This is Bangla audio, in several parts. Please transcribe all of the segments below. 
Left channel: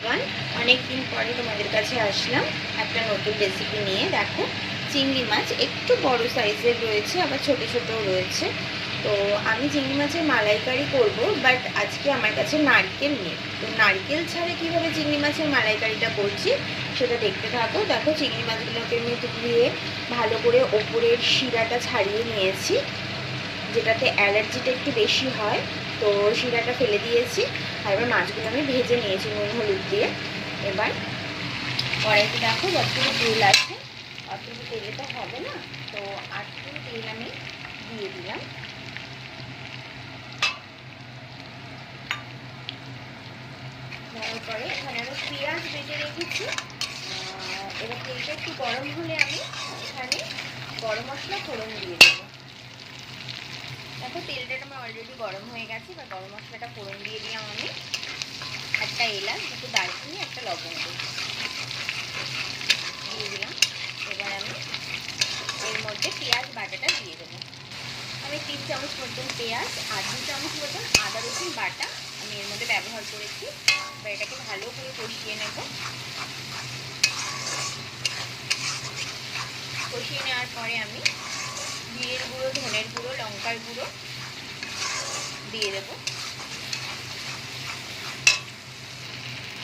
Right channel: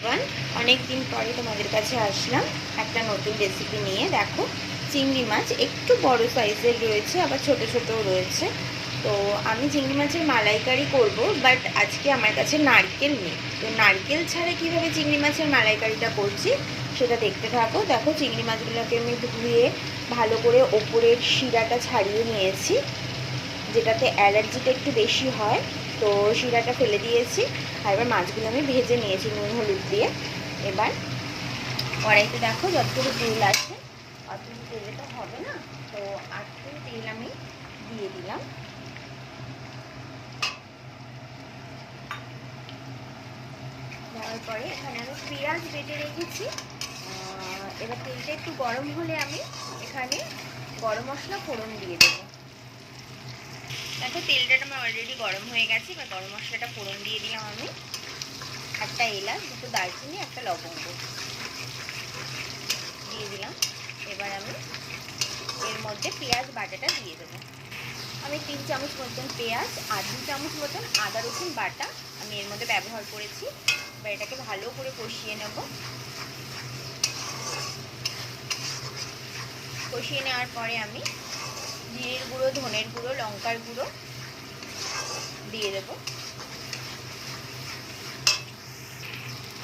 এভরিওয়ান, অনেক দিন পরে তোমাদের কাছে আসলাম একটা নতুন রেসিপি নিয়ে। দেখো, চিংড়ি মাছ একটু বড় সাইজের রয়েছে, আবার ছোট ছোটও রয়েছে। তো আমি চিংড়ি মাছের মালাইকারি করব, বাট আজকে আমার কাছে নারকেল নেই। তো নারকেল ছাড়া কিভাবে চিংড়ি মাছের মালাইকারিটা করছি সেটা দেখতে থাকো। দেখো, চিংড়ি মাছগুলোকে আমি ধুয়ে ভালো করে ওপরের শিরাটা ছাড়িয়ে নিয়েছি, যেটাতে অ্যালার্জিটা একটু বেশি হয়। তো শিরাটা ফেলে দিয়েছি, আর এবার মাছগুলো আমি ভেজে নিয়েছি নুন হলুদ দিয়ে। এবার কড়াইতে দেখো যতটুকু তেল আছে, অতটুকু তেলে তো হবে না, তো আটটু তেল আমি দিয়ে দিলাম। দেওয়ার পরে এখানে আমি পেঁয়াজ বেটে রেখেছি। এবার তেলটা একটু গরম হলে আমি এখানে গরম মশলা ফোড়ন দিয়ে দেবো। দেখো, তেলটা আমার অলরেডি গরম হয়ে গেছে। এবার গরম মশলাটা ফোড়ন দিয়ে দিলাম আমি। একটা এলাচ, দুটো দারচিনি, একটা লবঙ্গ দিয়ে দিলাম। এবার আমি এর মধ্যে পেঁয়াজ বাটাটা দিয়ে দেবো। আমি 3 চামচ মতন পেঁয়াজ আর 2 চামচ মতন আদা রসুন বাটা আমি এর মধ্যে ব্যবহার করেছি। এবার এটাকে ভালো করে কষিয়ে নেব। কষিয়ে নেওয়ার পরে আমি জিরের গুঁড়ো, ধনের গুঁড়ো, লঙ্কার গুঁড়ো দিয়ে দেবো।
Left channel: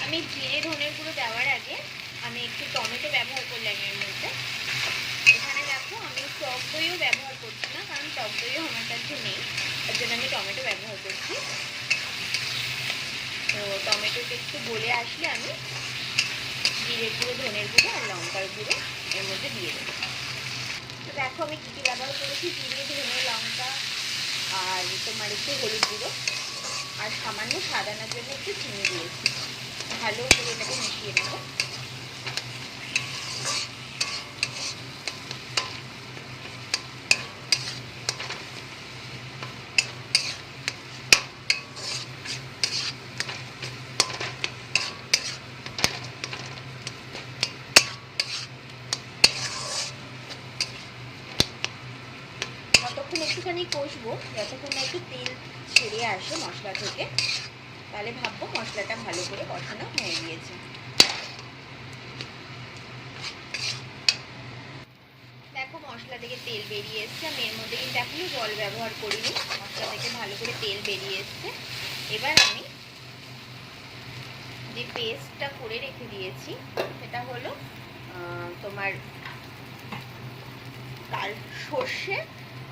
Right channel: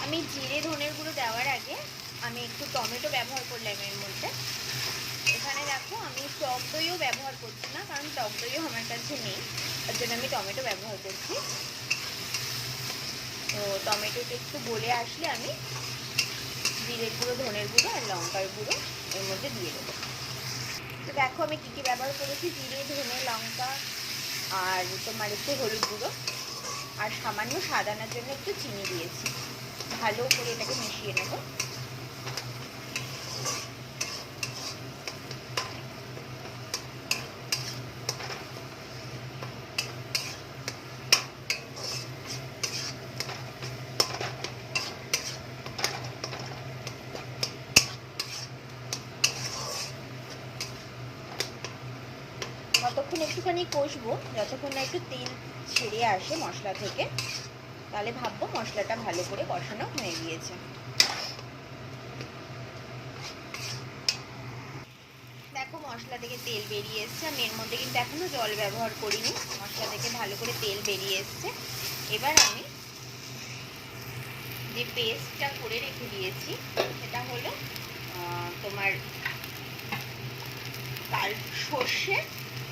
আমি জিরে ধনের গুঁড়ো দেওয়ার আগে আমি একটু টমেটো ব্যবহার করলাম এর মধ্যে। এখানে দেখো, আমি টক দইও ব্যবহার করছি না, কারণ টক দইও আমার কাছে নেই, তার জন্য আমি টমেটো ব্যবহার করছি। তো টমেটোটা একটু গলে আসলে আমি জিরের গুঁড়ো, ধনের গুঁড়ো আর লঙ্কার গুঁড়ো এর মধ্যে দিয়ে দেবো। তো দেখো, আমি কী কী ব্যবহার করেছি: জিরে, ধনে, লঙ্কা, আর তোমার একটু হলুদ গুঁড়ো, আর সামান্য স্বাদ আনার জন্য একটু চিনি দিয়েছি। ভালো করে এটাকে মিশিয়ে নেব। ততক্ষণ একটুখানি কষবো, যতক্ষণ না একটু তেল ছেড়ে আসে মশলা থেকে, তাহলে ভাববো মশলাটা ভালো করে কষানো হয়ে গিয়েছে। দেখো, মশলা থেকে তেল বেরিয়ে এসছে। আমি এর মধ্যে কিন্তু এখনো জল ব্যবহার করিনি, মশলা থেকে ভালো করে তেল বেরিয়ে এসছে। এবার আমি যে পেস্টটা করে রেখে দিয়েছি সেটা হলো তোমার সর্ষে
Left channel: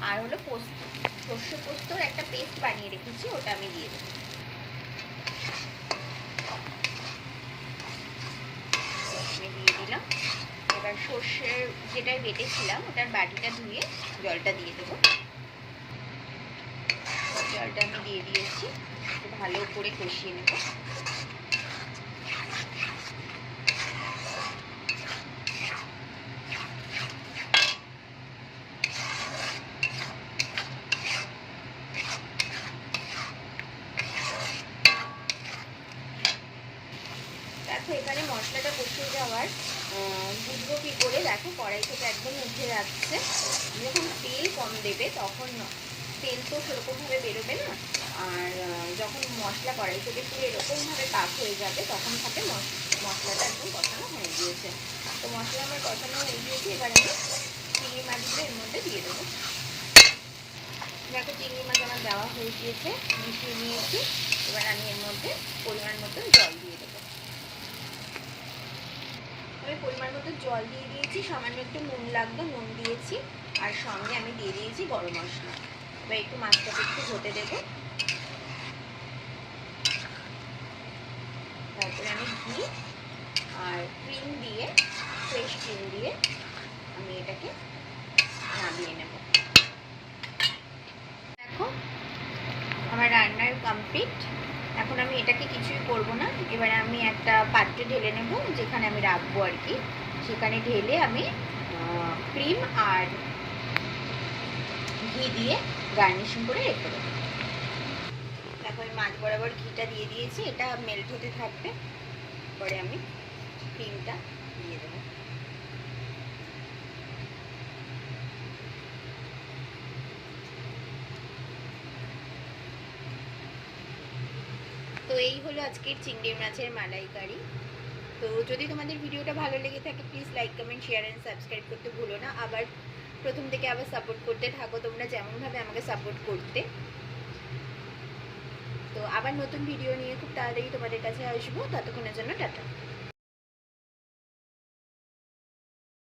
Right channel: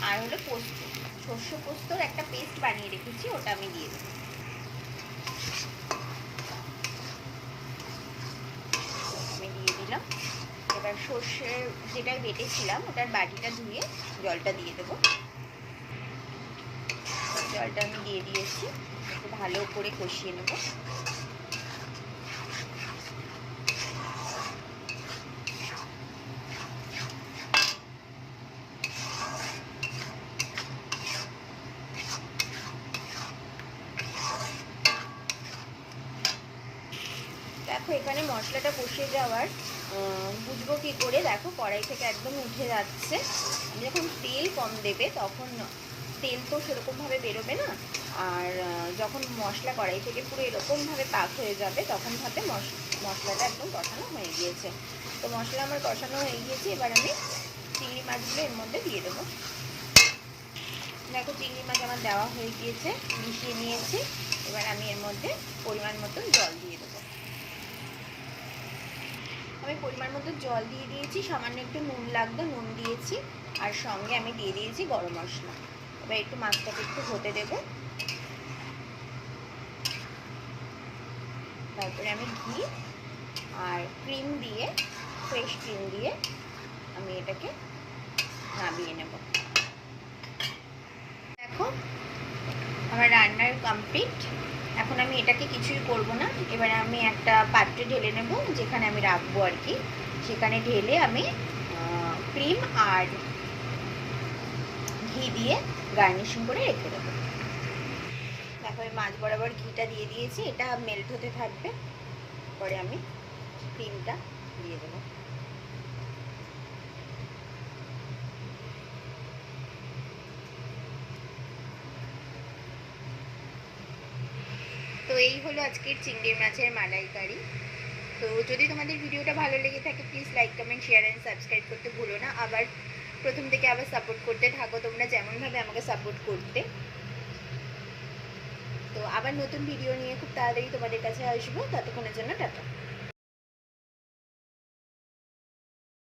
আর হলো পোস্ত, সর্ষে পোস্তর একটা পেস্ট বানিয়ে রেখেছি, ওটা আমি দিয়ে দেবো। আমি দিয়ে দিলাম। এবার সর্ষের যেটাই বেটেছিলাম ওটার বাটিটা ধুয়ে জলটা দিয়ে দেবো। জলটা আমি দিয়ে দিয়েছি, একটু ভালো করে কষিয়ে নেব। দেখো, এখানে মশলাটা কষে যাওয়ার বুঝবো কী করে? দেখো, কড়াই থেকে একদম উঠে যাচ্ছে। যখন তেল কম দেবে তখন তেল তো সেরকমভাবে বেরোবে না, আর যখন মশলা কড়াই থেকে পুরো এরকমভাবে পাক হয়ে যাবে তখন ভাবে মশলাটা একদম কষানো হয়ে গিয়েছে। তো মশলা আমার কষানো হয়ে গিয়েছে। এবার আমি চিংড়ি মাছগুলো এর মধ্যে দিয়ে দেবো। দেখো, চিংড়ি মাছ আমার দেওয়া হয়ে গিয়েছে, মিশিয়ে নিয়েছি। এবার আমি এর মধ্যে পরিমাণ মতন জল দিয়ে দেবো। আমি পরিমাণ মতো জল দিয়ে দিয়েছি, সামান্য একটু নুন লাগতো, নুন দিয়েছি, আর সঙ্গে আমি দিয়ে দিয়েছি গরম মশলা। এবার একটু মাছটাকে একটু হতে দেব। তারপরে আমি ঘি আর ক্রিম দিয়ে, ফ্রেশ ক্রিম দিয়ে আমি এটাকে নামিয়ে নেব। দেখো, আমার রান্নার কমপ্লিট। এখন আমি এটাকে কিছুই করব না, এবারে আমি একটা পাত্রে ঢেলে নেব, যেখানে আমি রাখবো আর কি। সেখানে ঢেলে আমি ক্রিম আর ঘি দিয়ে গার্নিশিং করে রেখে দেবো। দেখো, আমি মাছ বরাবর ঘিটা দিয়ে দিয়েছি, এটা মেল্ট হতে থাকবে। পরে আমি ক্রিমটা দিয়ে দেবো। তো এই হলো আজকের চিংড়ি মাছের মালাইকারি। তো যদি তোমাদের ভিডিওটা ভালো লেগে থাকে please like comment share and subscribe করতে ভুলো না। আবার প্রথম থেকে আবার সাপোর্ট করতে থাকো তোমরা যেমনভাবে আমাকে সাপোর্ট করতে। তো আবার নতুন ভিডিও নিয়ে খুব তাড়াতাড়ি তোমাদের কাছে আসবো, ততক্ষণের জন্য টাটা।